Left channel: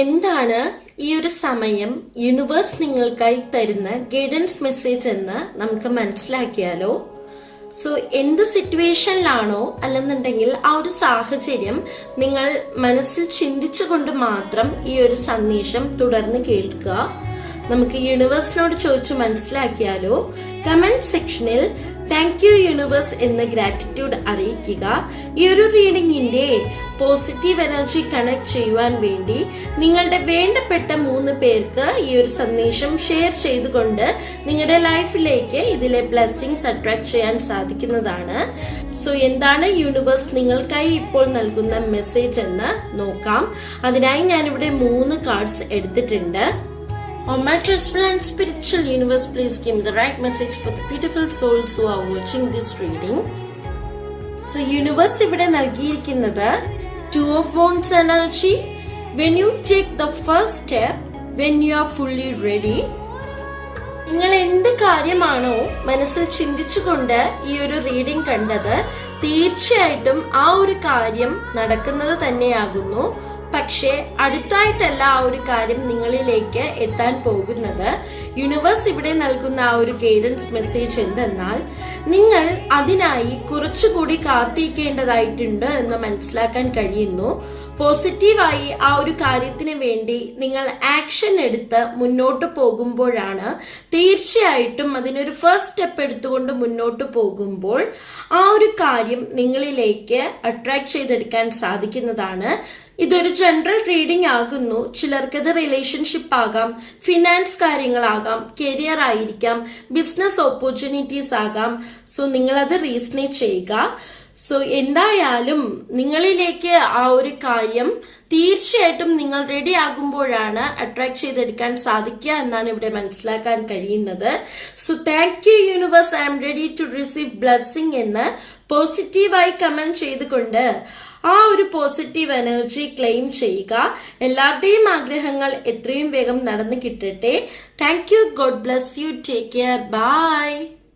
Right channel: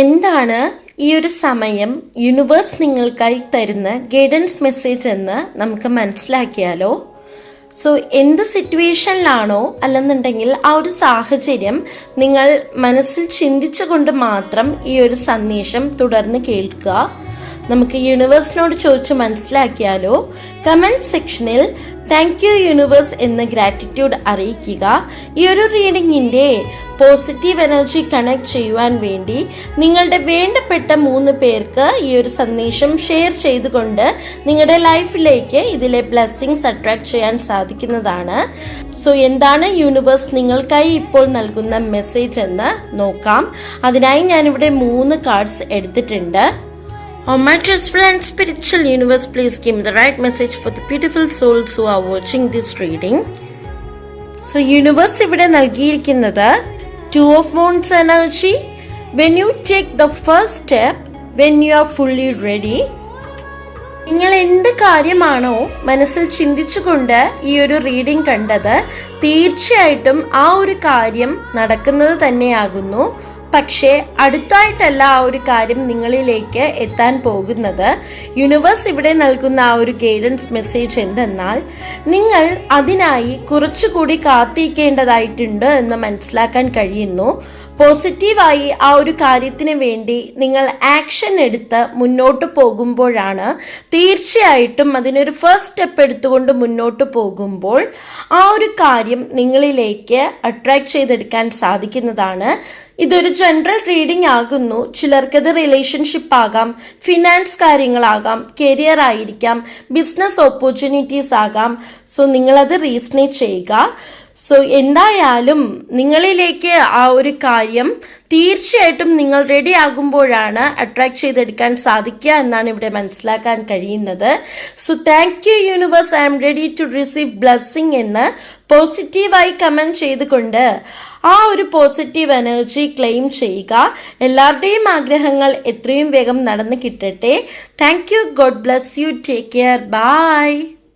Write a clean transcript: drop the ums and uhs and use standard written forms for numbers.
എന്താണ് ഈ ഒരു സമയം യൂണിവേഴ്സ് നിങ്ങൾക്കായി തരുന്ന ഗൈഡൻസ് മെസ്സേജ് എന്ന് നമുക്ക് മനസ്സിലാക്കിയാലോ? സോ എന്ത് സിറ്റുവേഷനിലാണോ അല്ലെന്നുണ്ടെങ്കിൽ ആ ഒരു സാഹചര്യം നിങ്ങൾ മനസ്സിൽ ചിന്തിച്ചുകൊണ്ട് മാത്രം ഈ ഒരു സന്ദേശം തുടർന്ന് കേൾക്കുക. നമുക്ക് യൂണിവേഴ്സിനോട് ചോദിച്ച് മനസ്സിലാക്കിയാലോ? കമന്റ് സെക്ഷനിൽ താങ്ക് യു യൂണിവേഴ്സ് എന്ന് ഗ്രാറ്റിറ്റ്യൂഡ് അറിയിക്കുക. ഈ ഒരു റീഡിങ്ങിന്റെ പോസിറ്റീവ് എനർജി കണക്ട് ചെയ്യുവാൻ വേണ്ടി നിങ്ങളുടെ വേണ്ടപ്പെട്ട 3 പേർക്ക് ഈ ഒരു സന്ദേശം ഷെയർ ചെയ്തുകൊണ്ട് നിങ്ങളുടെ ലൈഫിലേക്ക് ഇതിലെ ബ്ലെസ്സിങ്സ് അട്രാക്ട് ചെയ്യാൻ സാധിക്കുന്നതാണ്. സോ എന്താണ് യൂണിവേഴ്സ് നിങ്ങൾക്കായി ഇപ്പോൾ നൽകുന്ന മെസ്സേജ് എന്ന് നോക്കാം. അതിനായി ഞാനിവിടെ 3 കാർഡ്സ് എടുത്തിട്ടുണ്ട്. Oh, my trustful and spiritual universe, please give me the right message for the beautiful souls who are watching this reading. So, universe ഇവിടെ നൽകിയിരിക്കുന്നത് 2 of Wands energy. When you take the first step, when you are fully ready. നിങ്ങൾ എന്ത് കാര്യമാണോ മനസ്സിൽ ചിന്തിച്ചുകൊണ്ട് ഈ ഒരു reading കണ്ടത്, തീർച്ചയായിട്ടും ആ ഒരു കാര്യം നടക്കുന്നത് തന്നെയാകുന്നു. പക്ഷേ അടുത്തായിട്ടല്ല ആ ഒരു കാര്യം നിങ്ങളിലേക്ക് എത്താൻ പോകുന്നത്. യൂണിവേഴ്സ് ഇവിടെ നൽകുന്ന ആ ഒരു ഗൈഡൻസ് മെസ്സേജ് എന്തെന്നാൽ, നിങ്ങൾ അതിനായി കുറച്ചുകൂടി കാത്തിരിക്കേണ്ടതായിട്ടുണ്ട് എന്ന് മനസ്സിലാക്കാൻ കഴിയുന്നു. പോസിറ്റീവായി ആ ഒരു കാര്യത്തിന് വേണ്ടി നിങ്ങൾ ആക്ഷൻ എടുത്ത് മുന്നോട്ട് പോകുമ്പോഴാണ്, തീർച്ചയായിട്ടും അതിനൊരു ഫസ്റ്റ് സ്റ്റെപ്പ് എടുത്തുകൊണ്ട് മുന്നോട്ട് പോകുമ്പോൾ ആ ഒരു കാര്യം നിങ്ങളിലേക്ക് അട്രാക്ട് ചെയ്തെടുക്കാൻ സാധിക്കുന്നതാണ്. ഇതൊരു ജനറൽ റീഡിംഗ് ആകുന്നു. ചിലർക്കത് റിലേഷൻഷിപ്പ് ആകാം, ഫിനാൻസ് കാര്യങ്ങളാകാം, കരിയർ ആയിരിക്കാം, ബിസിനസ് ഓപ്പർച്യൂണിറ്റീസ് ആകാം. സോ നിങ്ങളത് റീസണേറ്റ് ചെയ്യുക. സോ എന്തായാലും നിങ്ങളിലേക്ക് ആ ഒരു കാര്യം തീർച്ചയായിട്ടും നിങ്ങൾ റെഡി ആകുമ്പോഴാണ് അട്രാക്ട് ചെയ്തെടുക്കാൻ സാധിക്കുക എന്നാണ് ഇവിടെ മനസ്സിലാക്കാൻ കഴിയുന്നത്. So thank you universe, I am ready to receive blessing എന്ന് പോസിറ്റീവായി കമന്റ് ചെയ്തുകൊണ്ട് ആ ഒരു പോസിറ്റീവ് എനർജി ക്ലെയിം ചെയ്യുക. എല്ലാവരുടെയും ആഗ്രഹങ്ങൾ എത്രയും വേഗം നടന്നു കിട്ടട്ടെ. Thank you. God bless you. Take care. By.